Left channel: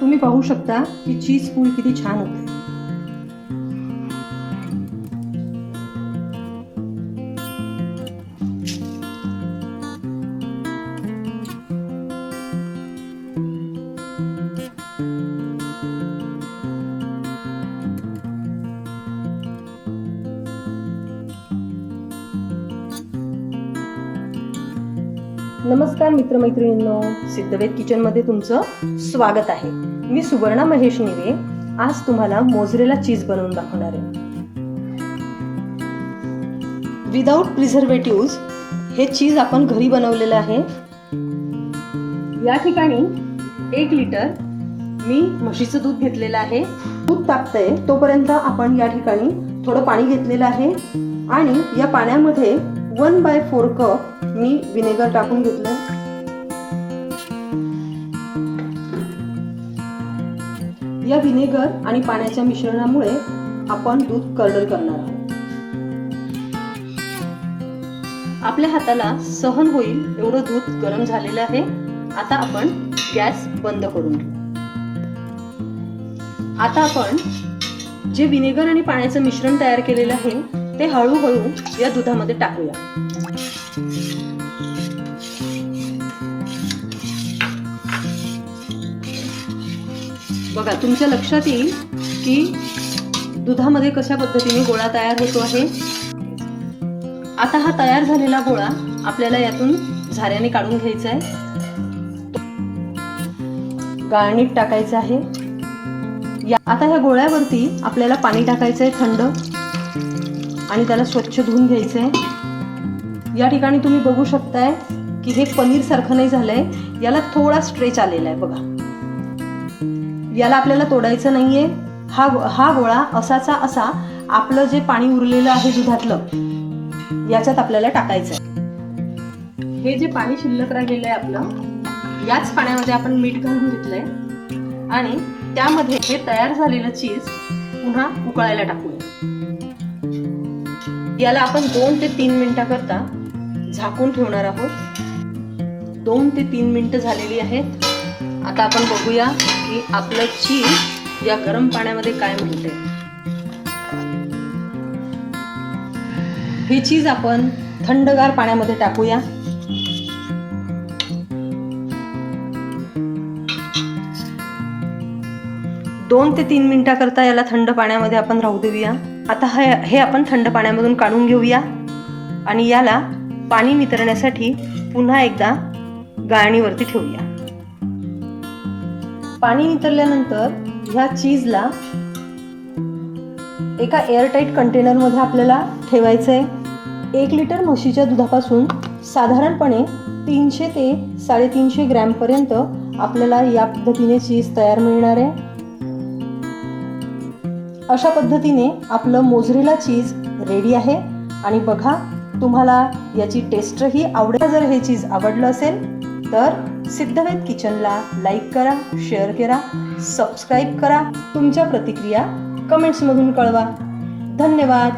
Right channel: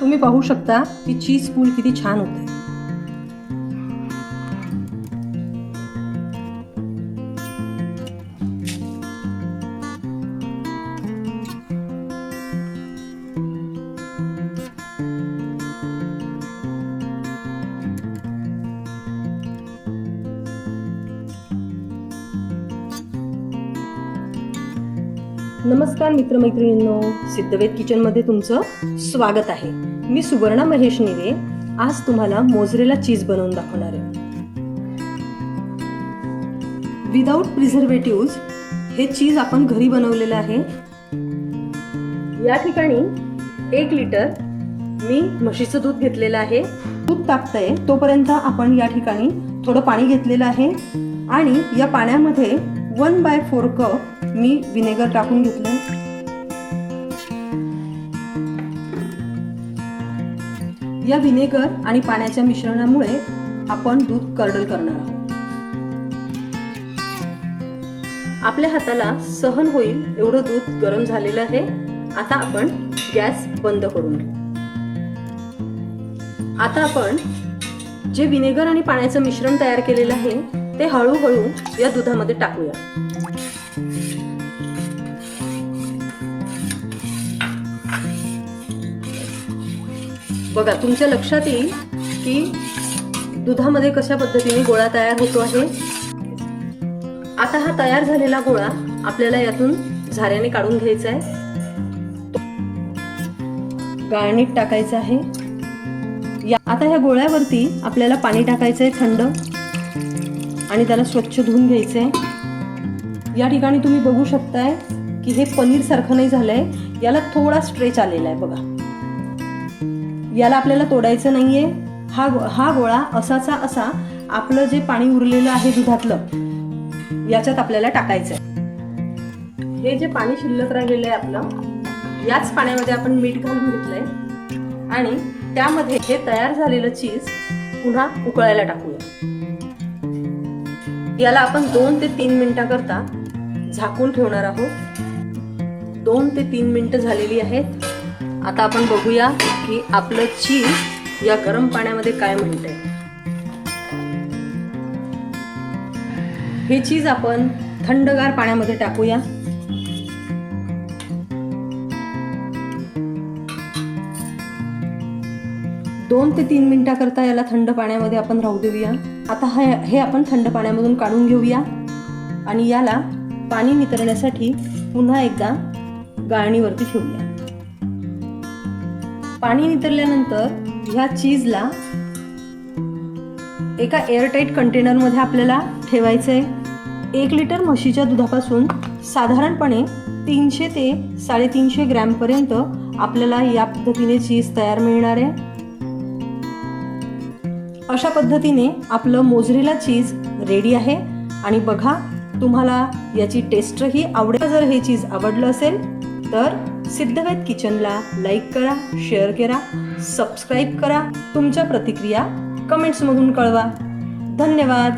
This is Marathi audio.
तुम्ही पाहू शकता की चीज पूल किती छान होते। नमस्कार मित्रमैत्रिणींनो, सिद्धवेद किचनमध्ये तुमचं स्वागत आहे। मी सुवर्णा महेश निवे आज तुम्हाला मोझरेला चीज बनवून दाखवणार आहे। विदाउट प्रिझर्वेटिव्स हे चीज आपण घरी बनवलेलं आहे। या ठिकाणी 1 लिटर मी म्हशीचं दूध घेतलेलं आहे। दूध तापतंय तोपर्यंत आपण या ठिकाणी थोडं पाणी घेतलेलं आहे आणि या पाण्यामध्ये 1/4 कप मी विनेगर टाकून घेतलं। या विनेगर आणि पाण्याच्या मिश्रणामुळे आपण दूध कर्डल करणार आहोत। आपल्या हाताला सहन होईल एवढं दूध गरम झालेलं आहे। आता आपण गॅस बंद करून घेऊ। आता आपण जे विनेगर आणि पाण्याचं मिश्रण तयार केलेलं आहे ते हळूहळू या दुधामध्ये टाकूया। बघा, तुमच्या लक्षात येईल की दुधामध्ये कशा पद्धतीने गोळा तयार होतो आहे। आता हा तयार झालेला गोळा आपल्याला यातून झाऱ्याने काढून घ्यायचा आहे। गाळणीत टाकायचं आहे। आता ह्या गोळ्यावरती आपल्याला पाणी टाकायचं आहे थंड आणि त्याला स्वच्छ धुवून घ्यायचं आहे। या ठिकाणी तुम्ही बघू शकताय की हे पनीर सारखं नाही झालंय, याला थोडा स्ट्रेच आलेला आहे। बघा, याला आपल्याला तोडायचं नाहीये। हा गोळा असाचा असा आपलं जे पाणी उरलेलं आहे दुधातलं याच्यात आपल्याला टाकायचं आहे। हे जे पाणी शिल्लक राहिलेलं आहे आपलं, याच पाण्यामध्ये आपण मीठ घालून घेतलंय आणि त्यामध्ये हे तयार झालेलं चीज पुन्हा उकळायला टाकूया। याला आपण 2 ते 3 मिनिटाकरता झाकून ठेवणार आहोत। 2 ते 3 मिनिटं झालेली आहेत। आता आपण बघूया की आपलं चीज या गरम पाण्यामध्ये काय म्हणतंय। हे चीज आपण थंडगार पाण्यामध्ये टाकूया। दोन ते 3 मिनिटाकरता याला थंड पाण्यामध्ये आपण राहू देऊया। आता हे आपण थंड पाण्यामधून काढून घेऊया आणि याला पाणी नितरण्यासाठी पुन्हा एकदा गाळणीवरती ठेवूया। पाणी नितरल्यानंतर ह्या चीजला एका एअरटाईट कंटेनरमध्ये आपल्याला ठेवायचं आहे। 1 लिटर म्हशीच्या दुधापासून साधारणपणे 300 ते 350 ग्रॅमपर्यंत आपल्याला या पद्धतीने चीज तयार मिळणार आहे। अशा पद्धतीने आपलं मोझरेला चीज रेडी आहे आणि बघा, तुम्हाला याची टेस्टही आवडेल। जर हे चीज आवडलं असेल तर सिद्धवेद किचनला लाईक करा, शेअर करा, सबस्क्राईब करा। तुमच्या प्रतिक्रिया कमेंट्समधून कळवा। धन्यवाद।